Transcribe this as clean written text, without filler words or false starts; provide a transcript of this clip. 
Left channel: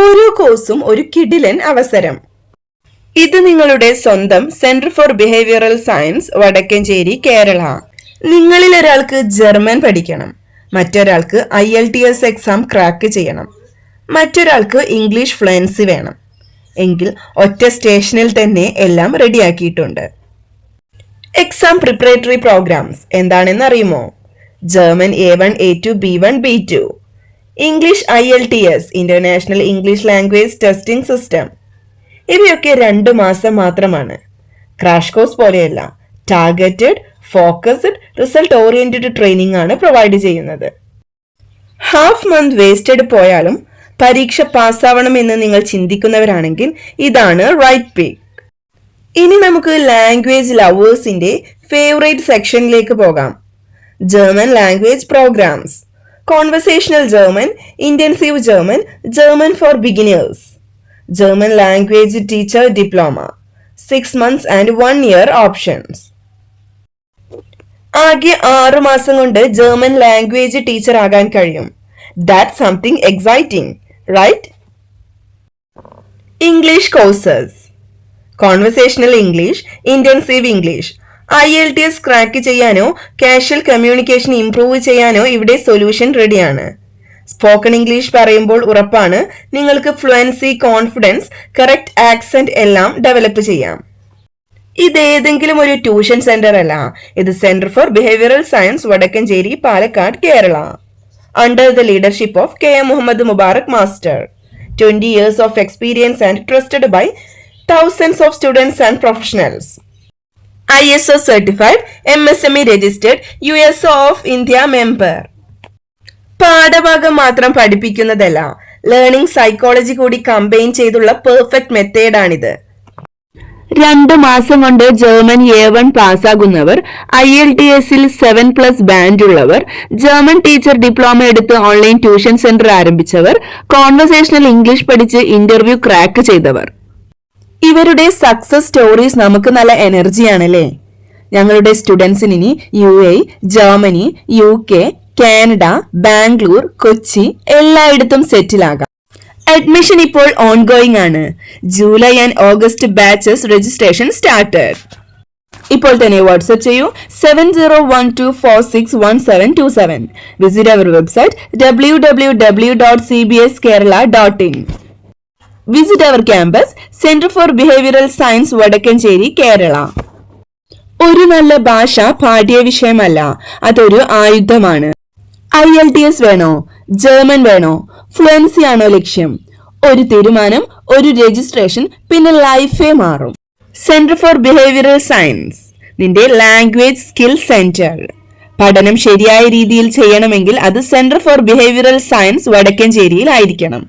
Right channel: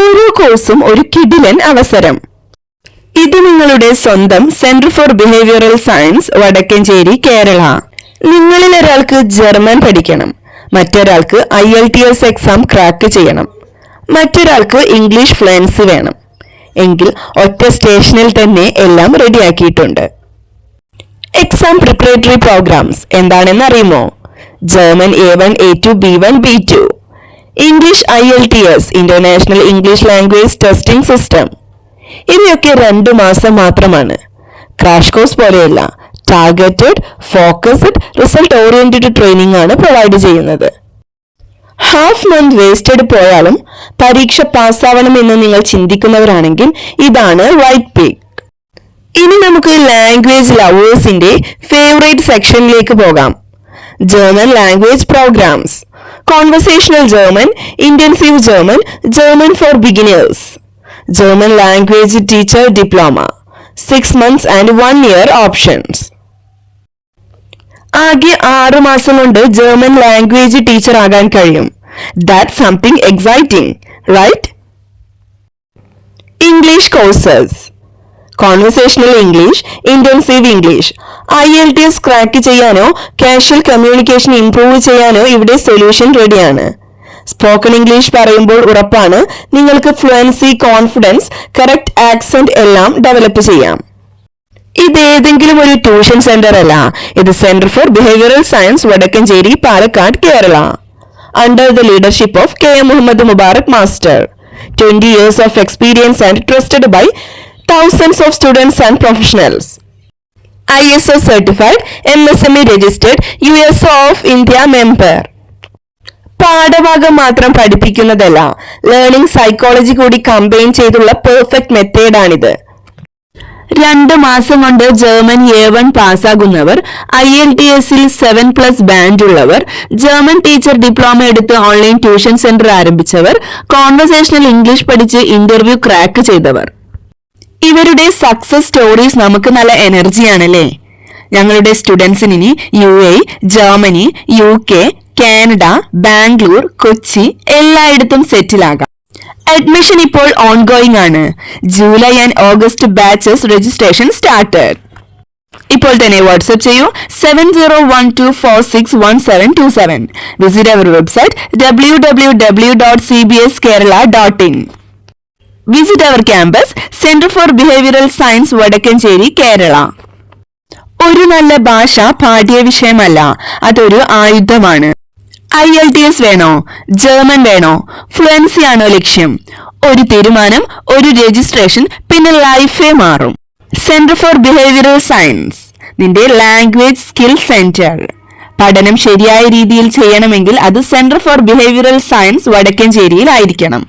ഓരോ കോഴ്സും ഒരു കിടിലൻ അവസരം. ഇത് നിങ്ങളുടെ സ്വന്തം centre for behavioural science, Vadakkencherry, Kerala. നിങ്ങളിൽ ഒരാൾക്ക് ജർമ്മൻ പഠിക്കണം, മറ്റൊരാൾക്ക് IELTS എക്സാം ക്രാക്ക് ചെയ്യണം, മറ്റൊരാൾക്ക് ഇംഗ്ലീഷ് ഫ്ലുവൻസി വേണം എങ്കിൽ ഒറ്റ സ്റ്റേഷനിൽ തന്നെ എല്ലാം റെഡിയാക്കിയിട്ടുണ്ട്. എക്സാം പ്രിപ്പറേറ്ററി പ്രോഗ്രാംസ് എന്താണെന്ന് അറിയുമോ? German A1, A2, B1, B2, English IELTS international English language testing system. ഇവയൊക്കെ 2 മാസം മാത്രമാണ്. ക്രാഷ് കോഴ്സ് പോലെയല്ല, targeted, focused, result oriented training ആണ് പ്രൊവൈഡ് ചെയ്യുന്നത്. ഹാഫ് മന്ത് വേസ്റ്റഡ് പോയാലും പരീക്ഷ പാസ്സാവണം എന്ന് നിങ്ങൾ ചിന്തിക്കുന്നവരാണെങ്കിൽ ഇതാണ് റൈറ്റ് പിക്ക്. ഇനി നമുക്ക് ലാംഗ്വേജ് ലവേഴ്സിന്റെ ഫേവറേറ്റ് സെക്ഷനിലേക്ക് പോകാം. German language programmes, conversational German, intensive German, German for beginners, German language teacher diploma, 6 months and 1 year options. ആകെ 6 മാസം കൊണ്ട് ജർമ്മൻ ലാംഗ്വേജ് ടീച്ചർ ആകാൻ കഴിയും. That's something exciting, right? English courses, conversational English, intensive English. IELTS crack ചെയ്യാനോ casual communication improve ചെയ്യാനോ ഇവിടെ solution റെഡിയാണ്. Spoken English പറയുമ്പോൾ ഉറപ്പാണ് നിങ്ങൾക്ക് ഫ്ലുവൻസി, കോൺഫിഡൻസ്, കറക്റ്റ് ആക്സന്റ് എല്ലാം ഡെവലപ്പ് ചെയ്യാം. ഇതേതെങ്കിലും ഒരു ട്യൂഷൻ സെന്റർ അല്ല, ഇത് centre for behavioural science, Vadakkencherry, Palakkad, Kerala. Under the leadership of K.M. Muhammad Mubarak Master, 20 years of experience and trusted by thousands of students and professionals. ISO certified, MSME registered, USO of India member. പാഠഭാഗം മാത്രം പഠിപ്പിക്കുന്നതല്ല, learning psychology കൂടി combine ചെയ്തുള്ള perfect മെത്തേഡാണിത്. 2 മാസം കൊണ്ട് German A1 പാസ്സാകുന്നവർ, IELTSൽ 7+ ബാൻഡ് ഉള്ളവർ, ജർമ്മൻ ടീച്ചർ ഡിപ്ലോമ എടുത്ത് ഓൺലൈൻ ട്യൂഷൻ സെന്റർ ആരംഭിച്ചവർ, കോൺവെർസേഷണൽ ഇംഗ്ലീഷ് പഠിച്ച് ഇന്റർവ്യൂ ക്രാക്ക് ചെയ്തവർ. ഇവരുടെ സക്സസ് സ്റ്റോറീസ് നമുക്ക് നല്ല എനർജിയാണല്ലേ. ഞങ്ങളുടെ സ്റ്റുഡൻസിന് ഇനി UAE, Germany, UK, Canada, Bangalore, Kochi എല്ലായിടത്തും സെറ്റിലാകാം. അഡ്മിഷൻ ഇപ്പോൾ ഓൺഗോയിങ് ആണ്. July and August batches registration started. ഇപ്പോൾ തന്നെ വാട്സ്ആപ്പ് ചെയ്യൂ 7012461727. Visit our website www.cbskerala.in. Visit our campus, centre for behavioural science, Vadakkencherry, Kerala. ഒരു നല്ല ഭാഷ പാഠ്യ വിഷയമല്ല, അതൊരു ആയുധമാണ്. IELTS വേണോ, ജർമ്മൻ വേണോ, ഫ്ലുവൻസി ആണോ ലക്ഷ്യം? ഒരു തീരുമാനം, ഒരു രജിസ്ട്രേഷൻ, പിന്നെ ലൈഫേ മാറും. സെന്റർ ഫോർ ബിഹേവിയറൽ സയൻസ്, നിന്റെ ലാംഗ്വേജ് സ്കിൽ സെന്റർ. പഠനം ശരിയായ രീതിയിൽ ചെയ്യണമെങ്കിൽ അത് സെന്റർ ഫോർ ബിഹേവിയറൽ സയൻസ്, വടക്കഞ്ചേരിയിൽ ആയിരിക്കണം.